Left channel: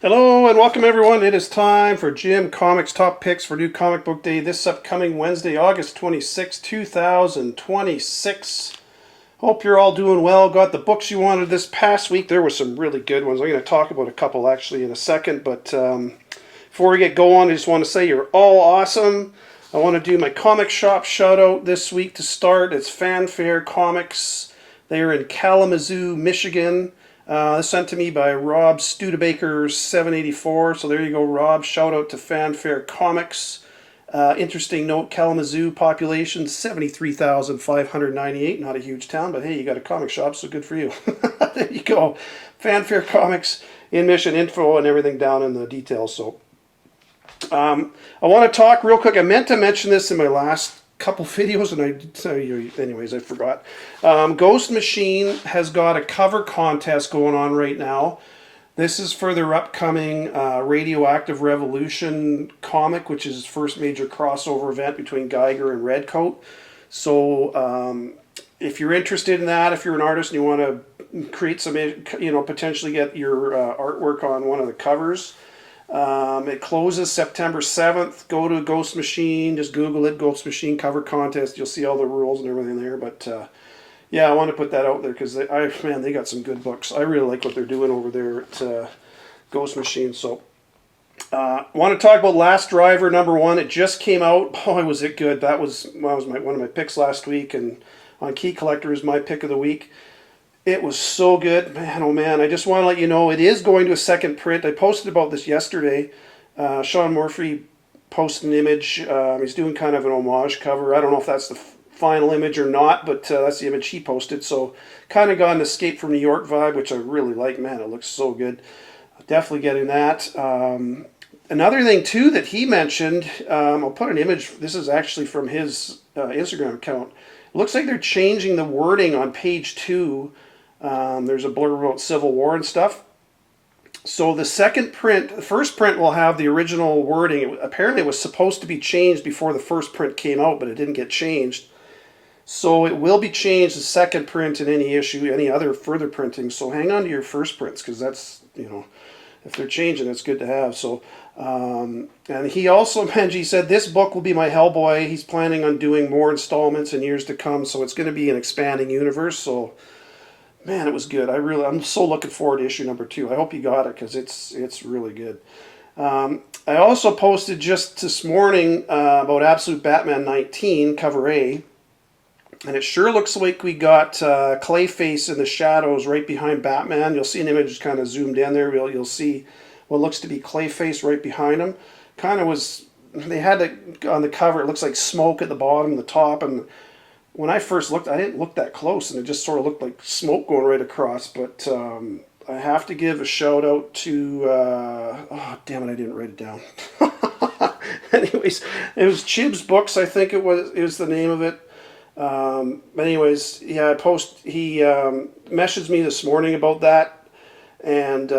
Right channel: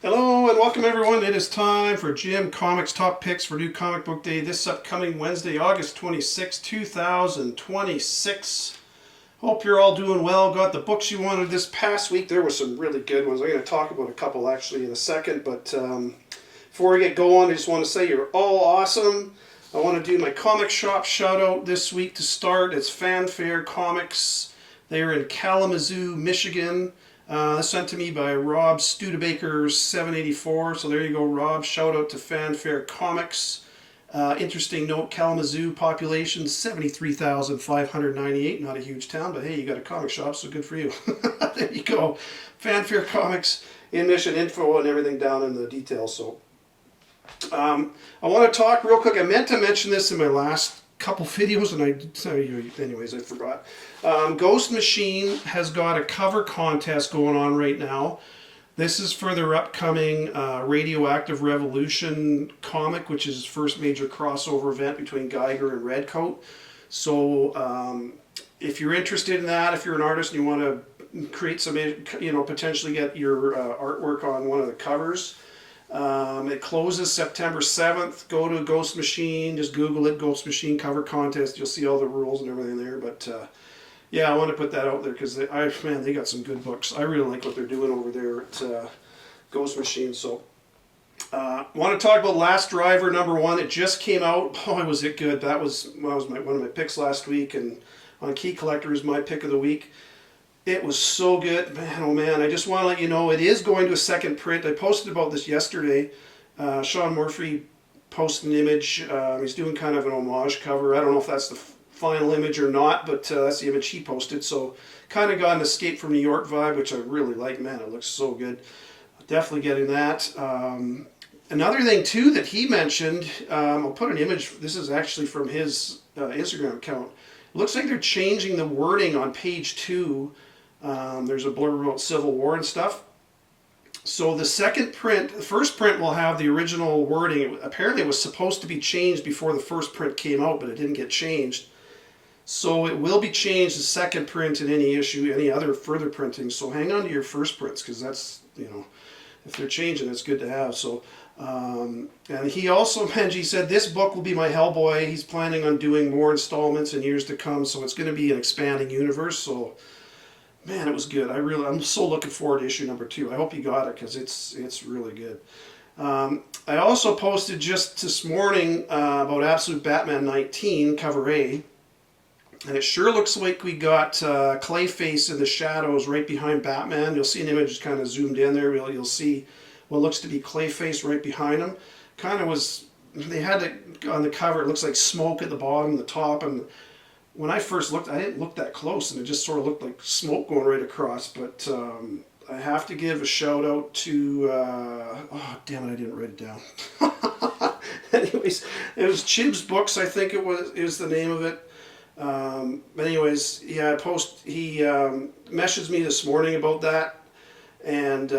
Hello and welcome everyone. It is time for Jim Comics Top Picks for New Comic Book Day this upcoming Wednesday, August 26, 2026. Hope you're all doing well. Got the books you wanted this past week. There were some really good ones. I'm going to talk about a couple actually in a second, but before we get going, I just want to say you're all awesome. I want to do my comic shop shout out this week to start. It's Fanfare Comics. They're in Kalamazoo, Michigan. Sent to me by Rob Studebaker 784. So there you go, Rob. Shout out to Fanfare Comics. Interesting note, Kalamazoo population 73,598. Not a huge town, but hey, you got a comic shop, so good for you. There you go. Fanfare Comics in mission info and everything down in the details. So I want to talk real quick. I meant to mention this in my last couple videos, and anyways, I forgot. Ghost Machine has got a cover contest going on right now. This is for their upcoming Radioactive Revolution comic, which is his first major crossover event between Geiger and Redcoat. So if you're interested in that, if you're an artist and you want to create some, potentially get your artwork on one of the covers, it closes September 7th. Go to Ghost Machine, just Google it, Ghost Machine cover contest. You'll see all the rules and everything there. But yeah, I want to put that out there because they got some good books. I really like what they're doing over there at Ghost Machine. So want to talk about Last Driver #1. It just came out. Boy, was it good. That was one of my picks last week, and on Key Collectors, my pick of the week. It was so good, man, oh man. I just want to let you know it is going to a second print. I posted about this yesterday. Sean Murphy posted an image. He's doing kind of an homage cover. I don't know if that's the final image or not, but that's the image he posted. So kind of got an Escape from New York vibe, which I really like. Man, it looks so good. Definitely getting that. Another thing, too, that he mentioned, I'll put an image. This is actually from his Instagram account. It looks like they're changing the wording on page 2. There's a blurb about Civil War and stuff. So the second print, the first print will have the original wording. Apparently it was supposed to be changed before the first print came out, but it didn't get changed. So it will be changed, the second print in any issue, any other further printing. So hang on to your first prints, because that's, if they're changing, it's good to have. So, and he also mentioned, he said, this book will be my Hellboy. He's planning on doing more installments in years to come, so it's going to be an expanding universe. So, man, it was good. I'm so looking forward to issue #2. I hope you got it because it's really good. I also posted just this morning about Absolute Batman 19 cover A, and it sure looks like we got Clayface in the shadows right behind Batman. You'll see an image kind of zoomed in there. You'll see what looks to be Clayface right behind him. Kind of was, they had it on the cover. It looks like smoke at the bottom and the top, and when I first looked, I didn't look that close, and it just sort of looked like smoke going right across. But I have to give a shout out to, oh damn it, I didn't write it down. Anyways, it was Chib's Books, I think is the name of it. But anyways, yeah, he messaged me this morning about that, and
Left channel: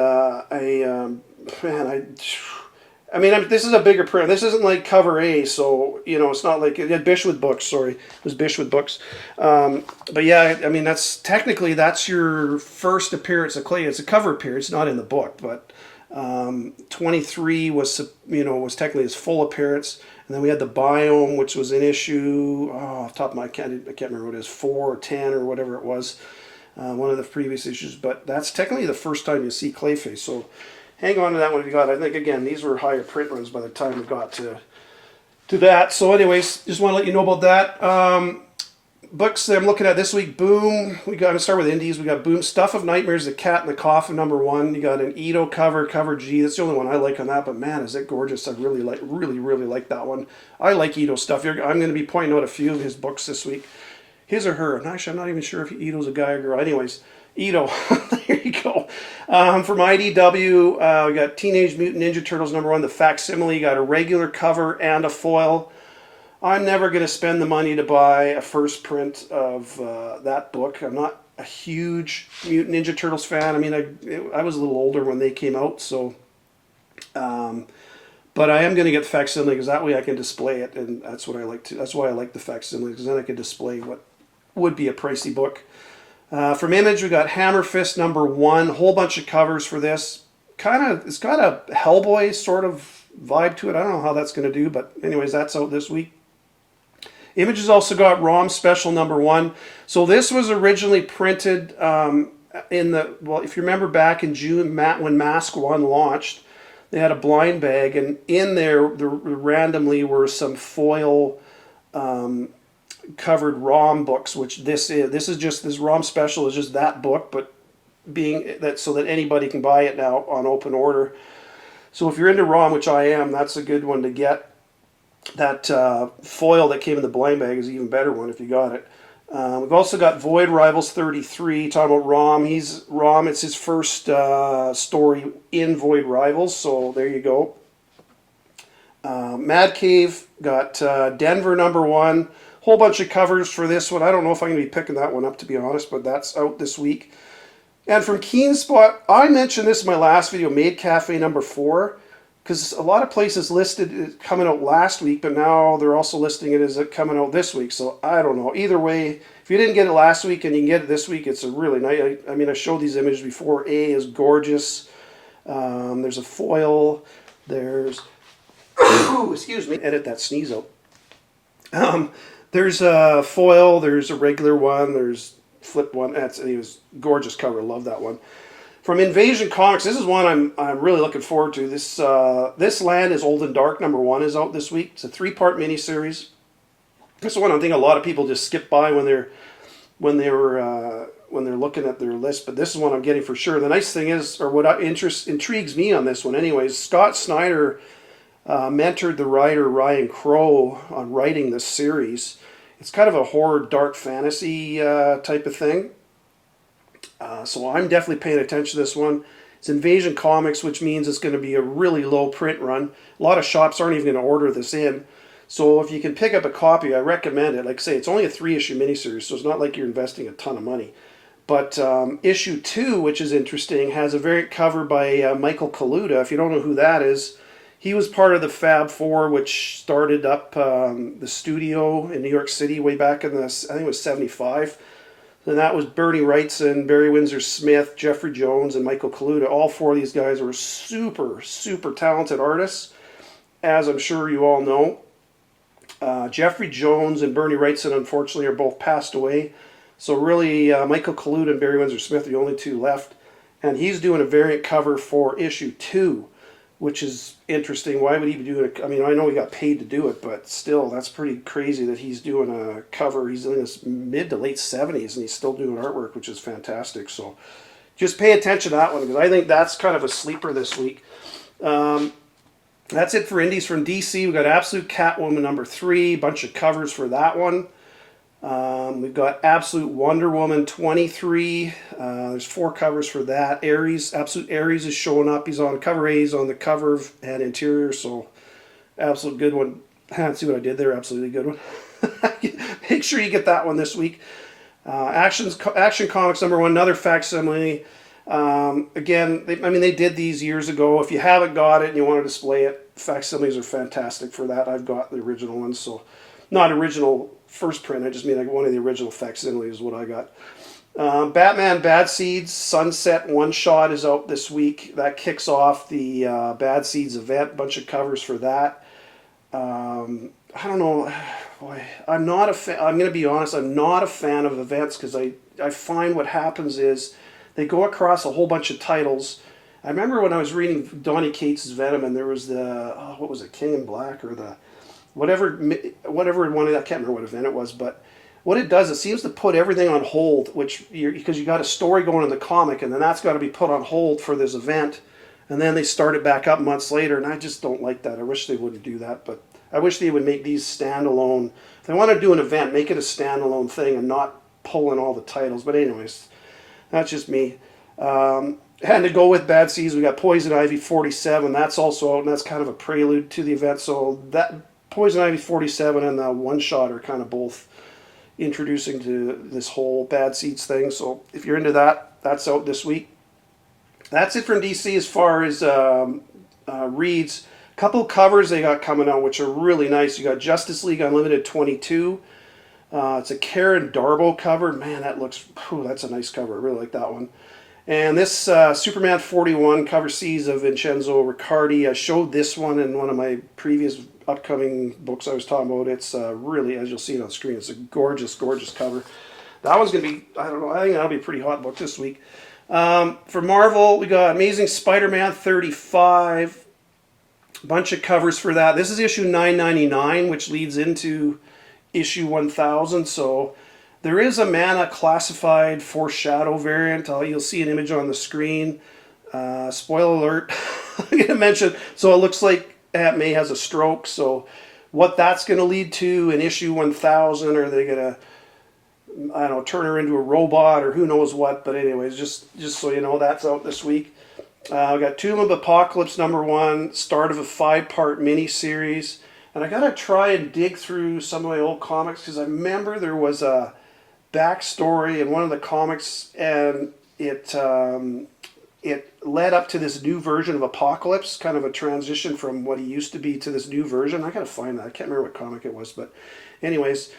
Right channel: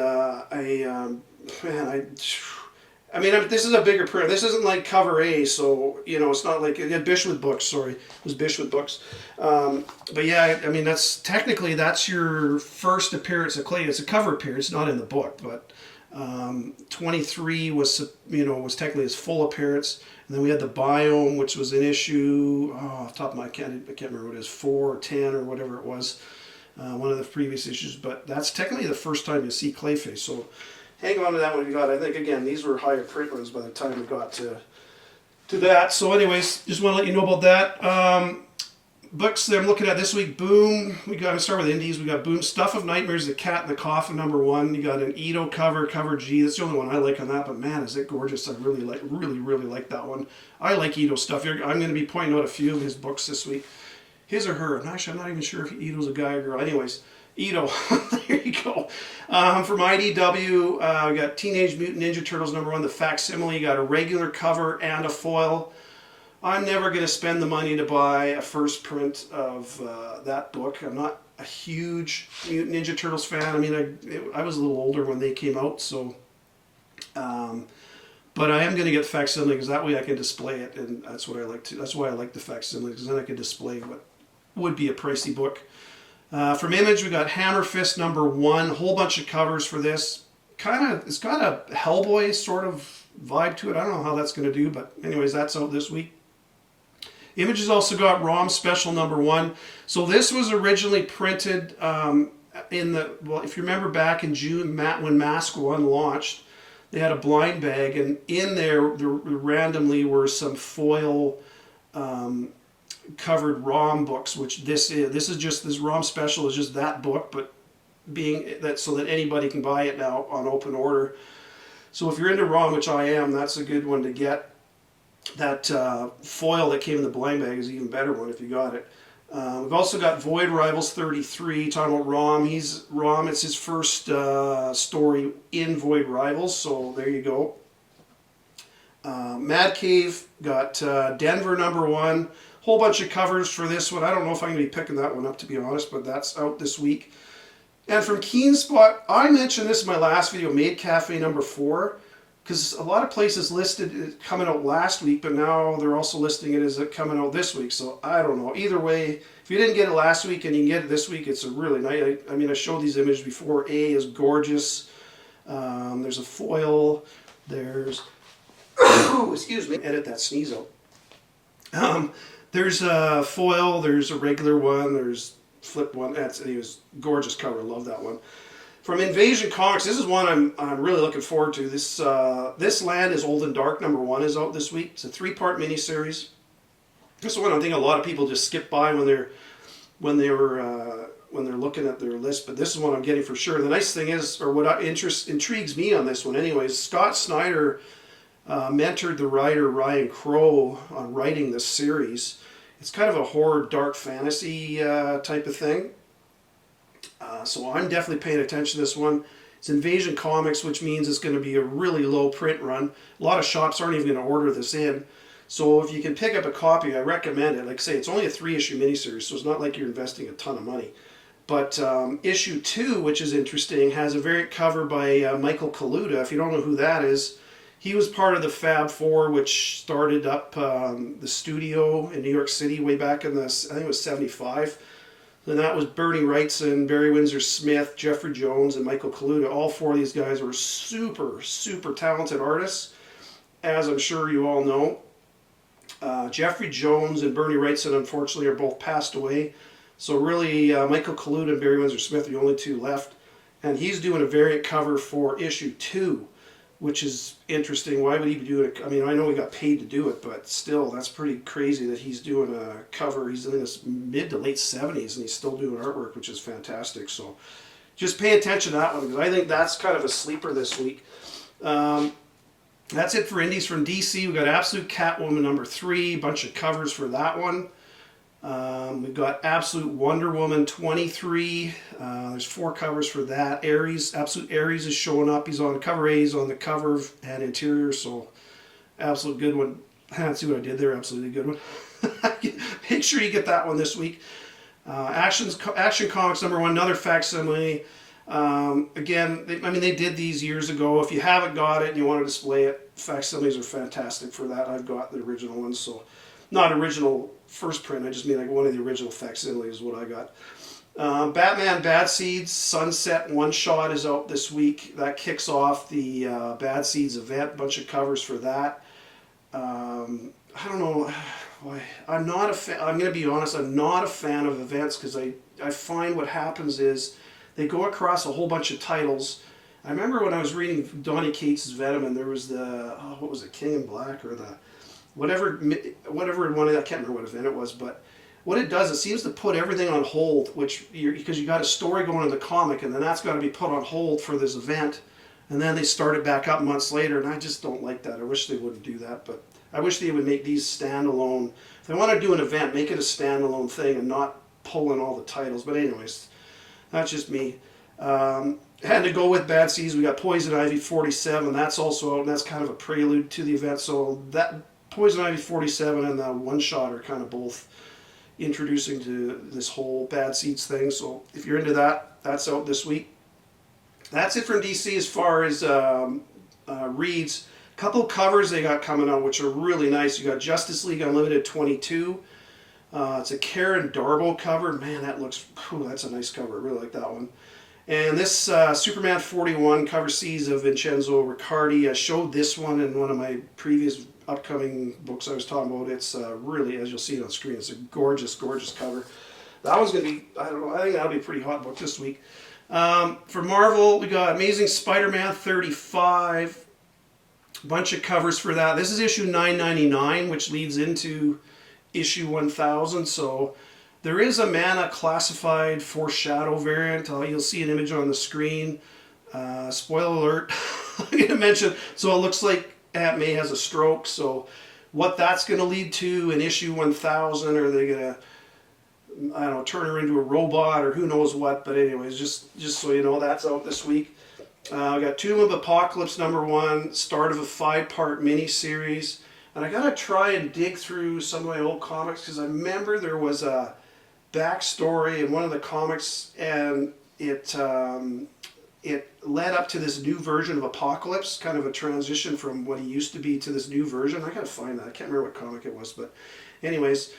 I mean, this is a bigger print. This isn't like cover A, so, it's not like, Bishwood Books, sorry. It was Bishwood Books. But yeah, I mean, that's your first appearance of Clay. It's a cover appearance, not in the book, but 23 was technically his full appearance. And then we had the Biome, which was an issue, off the top of my head, I can't remember what it is, 4 or 10 or whatever it was, one of the previous issues. But that's technically the first time you see Clayface, so hang on to that one if you got it. I think, again, these were higher print runs by the time we got to that. So anyways, just want to let you know about that. Books that I'm looking at this week, Boom. We got to start with indies. We got Boom, Stuff of Nightmares, The Cat in the Coffin #1. You got an Ito cover G. That's the only one I like on that, but man, is it gorgeous. I really like that one. I like Ito stuff. I'm going to be pointing out a few of his books this week. His or her. Actually, I'm not even sure if Ito's a guy or girl. Anyways, Ito. There you go. From IDW, we got Teenage Mutant Ninja Turtles #1, the facsimile. You got a regular cover and a foil. I'm never going to spend the money to buy a first print of that book. I'm not a huge Mutant Ninja Turtles fan. I mean, I was a little older when they came out, so. But I am going to get the facsimile because that way I can display it, and that's what I like to. That's why I like the facsimile, because then I can display what would be a pricey book. From Image, we got Hammer Fist #1. Whole bunch of covers for this. it's got a Hellboy sort of vibe to it. I don't know how that's going to do, but anyways, that's out this week. Image has also got ROM Special #1. So this was originally printed if you remember back in June when Mask 1 launched, they had a blind bag, and in there randomly were some foil covered ROM books, which this ROM Special is just that book, but being that so that anybody can buy it now on open order. So if you're into ROM, which I am, that's a good one to get. That foil that came in the blind bag is an even better one if you got it. We've also got Void Rivals 33, talking about Rom. It's his first story in Void Rivals, so there you go. Mad Cave got Denver #1. Whole bunch of covers for this one. I don't know if I'm going to be picking that one up, to be honest, but that's out this week. And from Keen Spot, I mentioned this in my last video, Maid Cafe #4, because a lot of places listed it coming out last week, but now they're also listing it as it coming out this week. So I don't know. Either way, if you didn't get it last week and you can get it this week, it's a really nice. I mean, I showed these images before. A is gorgeous. There's a foil. There's excuse me. Edit that sneeze out. There's a foil. There's a regular one. There's flip one. It was gorgeous cover. Love that one. From Invasion Comics, this is one I'm really looking forward to. This Land is Old and Dark #1 is out this week. It's a 3-part miniseries. This one I think a lot of people just skip by when they're looking at their list, but this is one I'm getting for sure. The nice thing is, or what intrigues me on this one, anyways, Scott Snyder mentored the writer Ryan Crow on writing this series. It's kind of a horror, dark fantasy type of thing. So I'm definitely paying attention to this one. It's Invasion Comics, which means it's going to be a really low print run. A lot of shops aren't even going to order this in. So if you can pick up a copy, I recommend it. Like I say, it's only a 3-issue miniseries, so it's not like you're investing a ton of money. But issue 2, which is interesting, has a variant cover by Michael Kaluta. If you don't know who that is, he was part of the Fab Four, which started up the studio in New York City way back in I think it was 75. And that was Bernie Wrightson, Barry Windsor Smith, Jeffrey Jones, and Michael Kaluta. All 4 of these guys were super, super talented artists, as I'm sure you all know. Jeffrey Jones and Bernie Wrightson, unfortunately, are both passed away. So really, Michael Kaluta and Barry Windsor Smith are the only 2 left. And he's doing a variant cover for issue 2, which is interesting. Why would he be doing it? I mean, I know he got paid to do it, but still, that's pretty crazy that he's doing a cover. He's in his mid to late 70s, and he's still doing artwork, which is fantastic. So just pay attention to that one, because I think that's kind of a sleeper this week. That's it for indies from DC. We've got Absolute Catwoman #3, bunch of covers for that one. We've got Absolute Wonder Woman 23. There's 4 covers for that. Ares, Absolute Ares is showing up. He's on cover A, he's on the cover and interior, so absolute good one. See what I did there? Absolutely good one. Make sure you get that one this week. Action Comics #1, another facsimile. Again, they did these years ago. If you haven't got it and you want to display it, facsimiles are fantastic for that. I've got the original ones, so not original first print, I just mean like one of the original facsimiles is what I got. Batman Bad Seeds Sunset one-shot is out this week. That kicks off the Bad Seeds event. Bunch of covers for that. I don't know. Boy, I'm not a fan. I'm going to be honest. I'm not a fan of events because I find what happens is they go across a whole bunch of titles. I remember when I was reading Donny Cates' Venom, and there was what was it, King in Black, or the whatever one, I can't remember what event it was, but what it does, it seems to put everything on hold, because you got a story going in the comic, and then that's got to be put on hold for this event, and then they start it back up months later, and I just don't like that. I wish they wouldn't do that, but I wish they would make these standalone. If they want to do an event, make it a standalone thing and not pull in all the titles. But anyways, that's just me. And to go with Bad Seeds, we got Poison Ivy 47. That's also out, and that's kind of a prelude to the event. So that Poison Ivy 47 and the One Shot are kind of both introducing to this whole Bad Seeds thing. So if you're into that, that's out this week. That's it from DC as far as reads. A couple of covers they got coming out, which are really nice. You got Justice League Unlimited 22. It's a Karen Darbo cover. Man, that looks, that's a nice cover. I really like that one. And this Superman 41 cover C's of Vincenzo Riccardi. I showed this one in one of my previous upcoming books I was talking about. It's really, as you'll see it on screen, it's a gorgeous, gorgeous cover. That one's going to be, I don't know, I think that'll be a pretty hot book this week. For Marvel, we got Amazing Spider-Man 35. A bunch of covers for that. This is issue 999, which leads into issue 1000. So there is a Mana classified foreshadow variant. You'll see an image on the screen. Spoiler alert. I'm going to mention, so it looks like Aunt May has a stroke. So what that's going to lead to in issue 1000, are they going to, I don't know, turn her into a robot or who knows what? But anyways, just so you know, that's out this week. We got Tomb of Apocalypse #1, start of a 5-part mini-series. And I got to try and dig through some of my old comics, because I remember there was a backstory in one of the comics, and it led up to this new version of Apocalypse, kind of a transition from what he used to be to this new version. I got to find that. I can't remember what comic it was, but anyways.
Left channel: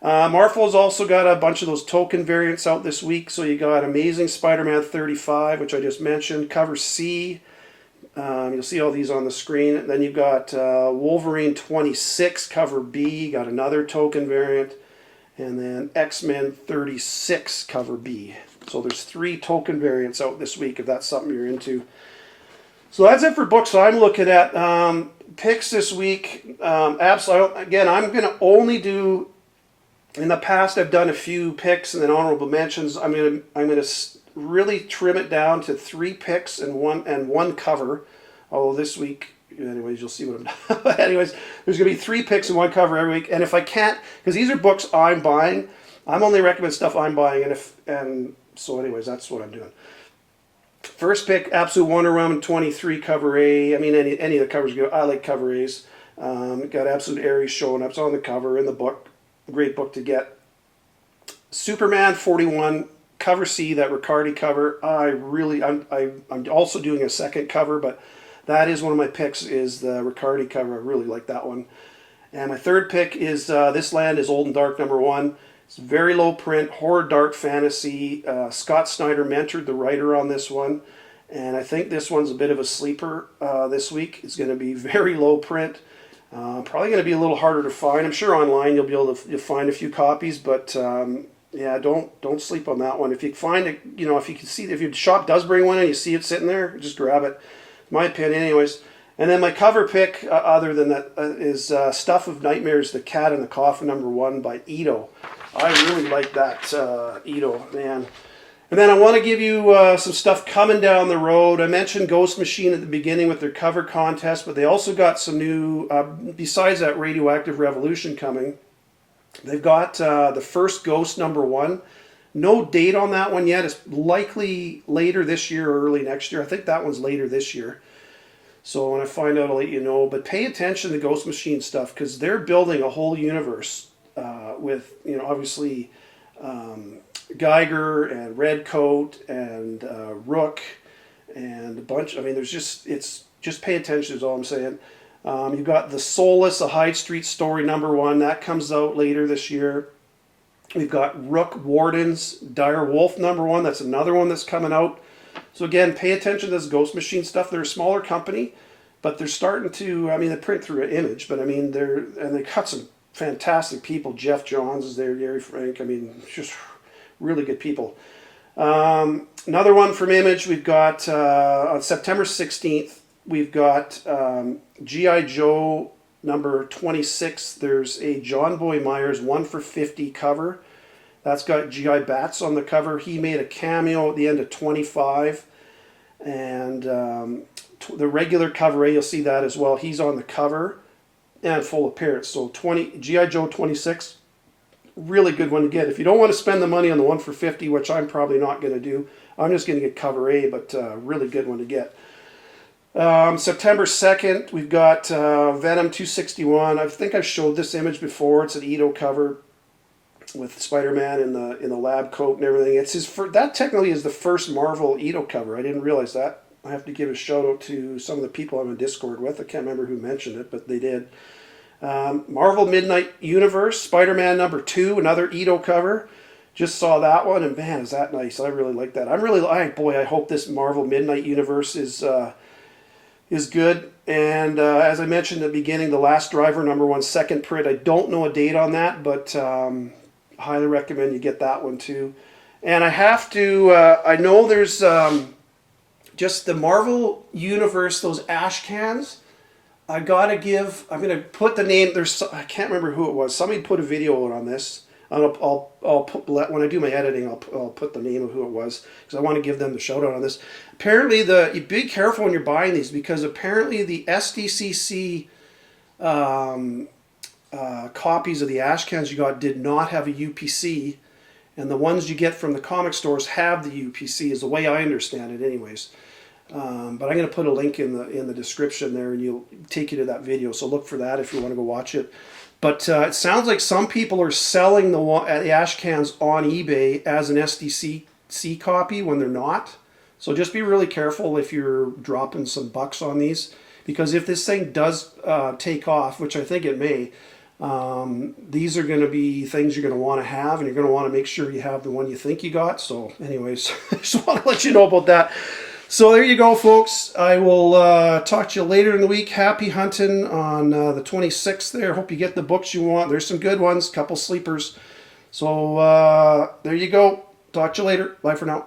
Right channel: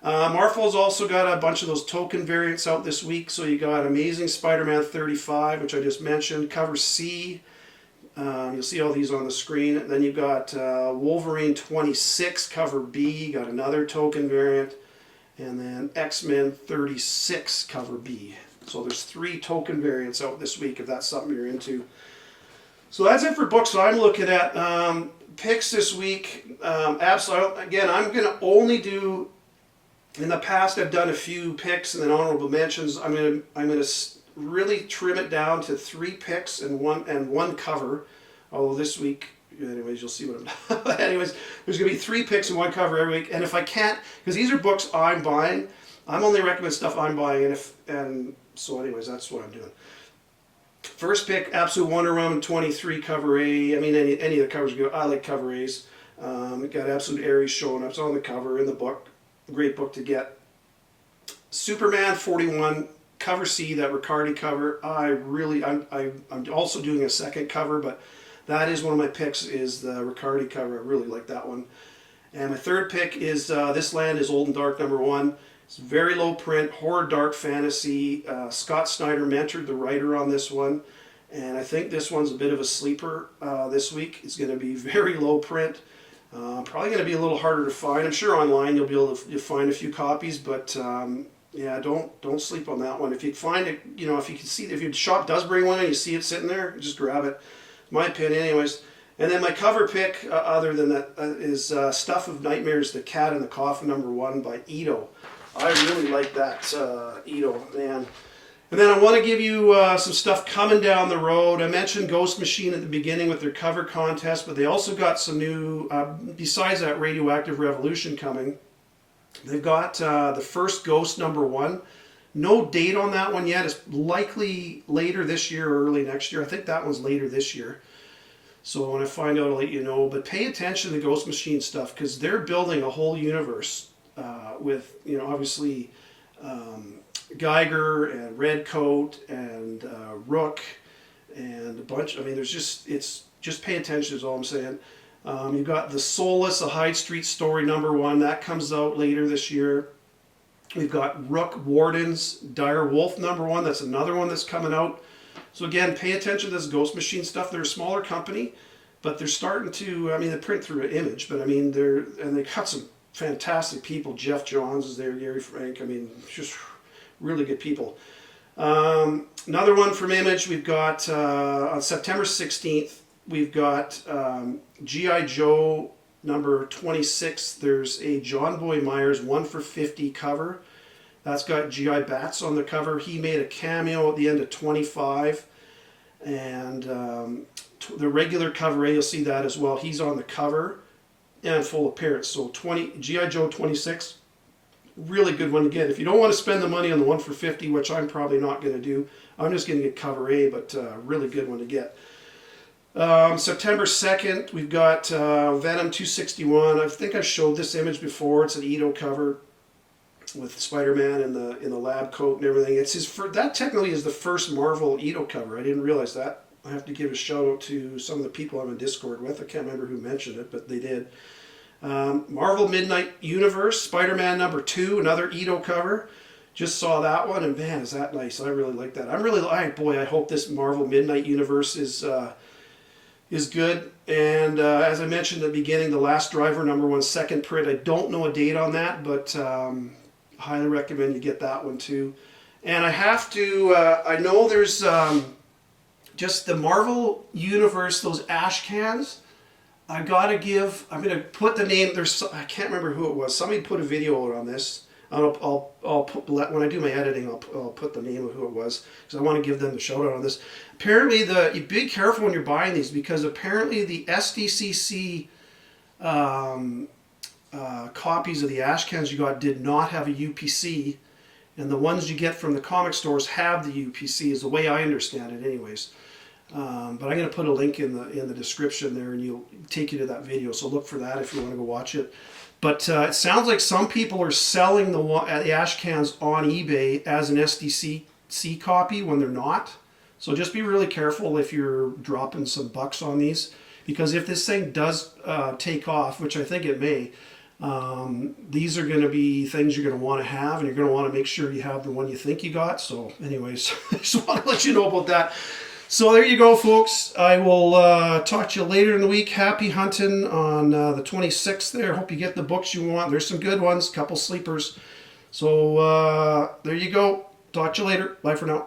Marvel's also got a bunch of those token variants out this week. So you got Amazing Spider-Man 35, which I just mentioned, cover C. You'll see all these on the screen. Then you've got Wolverine 26, cover B. You got another token variant. And then X-Men 36, cover B. So there's 3 token variants out this week, if that's something you're into. So that's it for books I'm looking at. Picks this week. Absolutely. Again, I'm going to only do... In the past, I've done a few picks and then honorable mentions. I'm gonna really trim it down to 3 picks and one cover. Although this week, anyways, you'll see what I'm. But anyways, there's gonna be 3 picks and 1 cover every week. And if I can't, because these are books I'm buying, I'm only recommend stuff I'm buying. And so, anyways, that's what I'm doing. First pick, Absolute Wonder Woman 23, cover A. I mean, any of the covers go. I like cover A's. Got Absolute Aries showing up. It's on the cover in the book. Great book to get. Superman 41, cover C, that Riccardi cover. I'm also doing a second cover, but that is one of my picks, is the Riccardi cover. I really like that one. And my third pick is This Land is Old and Dark #1. It's very low print, horror dark fantasy. Scott Snyder mentored the writer on this one. And I think this one's a bit of a sleeper this week. It's going to be very low print. Probably going to be a little harder to find. I'm sure online you'll be able to find a few copies, but yeah, don't sleep on that one. If you find it, if you can see, if your shop does bring one and you see it sitting there, just grab it. My opinion, anyways. And then my cover pick, other than that, is Stuff of Nightmares: The Cat in the Coffin #1 by Ito. I really like that Ito, man. And then I want to give you some stuff coming down the road. I mentioned Ghost Machine at the beginning with their cover contest, but they also got some new, besides that Radioactive Revolution coming, they've got the first Ghost #1. No date on that one yet. It's likely later this year or early next year. I think that one's later this year. So when I find out, I'll let you know. But pay attention to Ghost Machine stuff, because they're building a whole universe with, obviously... Geiger and Redcoat and Rook and a bunch. I mean, it's just pay attention is all I'm saying. You've got The Soulless, a Hyde Street story #1. That comes out later this year. We've got Rook Warden's Dire Wolf #1. That's another one that's coming out. So again, pay attention to this Ghost Machine stuff. They're a smaller company, but they're starting to, they print through an image, but they cut some fantastic people. Jeff Johns is there, Gary Frank. Just really good people. Another one from Image, we've got on September 16th, we've got G.I. Joe #26. There's a John Boy Myers 1 for 50 cover. That's got G.I. Bats on the cover. He made a cameo at the end of 25. And the regular cover A, you'll see that as well. He's on the cover and full appearance. So G.I. Joe 26. Really good one to get. If you don't want to spend the money on the 1 for 50, which I'm probably not going to do, I'm just going to get cover A, but really good one to get. September 2nd, we've got Venom 261. I think I've showed this image before. It's an Ito cover with Spider-Man in the lab coat and everything. That technically is the first Marvel Ito cover. I didn't realize that. I have to give a shout out to some of the people I'm in Discord with. I can't remember who mentioned it, but they did. Marvel Midnight Universe, Spider-Man #2, another Ito cover. Just saw that one, and man, is that nice. I really like that. I hope this Marvel Midnight Universe is good. And as I mentioned at the beginning, The Last Driver #1 second print. I don't know a date on that, but highly recommend you get that one too. And I have to, I know there's just the Marvel Universe, those Ashcans. I'm going to put the name, I can't remember who it was. Somebody put a video out on this. I'll put, when I do my editing, I'll put the name of who it was, because I want to give them the shout out on this. Apparently, you be careful when you're buying these, because apparently the SDCC copies of the Ashcans you got did not have a UPC, and the ones you get from the comic stores have the UPC, is the way I understand it anyways. But I'm going to put a link in the description there, and you'll take you to that video, so look for that if you want to go watch it. But it sounds like some people are selling the Ashcans on eBay as an SDCC copy when they're not. So just be really careful if you're dropping some bucks on these, because if this thing does take off, which I think it may, these are going to be things you're going to want to have, and you're going to want to make sure you have the one you think you got. So anyways, I just want to let you know about that. So there you go, folks. I will talk to you later in the week. Happy hunting on the 26th there. Hope you get the books you want. There's some good ones, couple sleepers. So there you go. Talk to you later. Bye for now.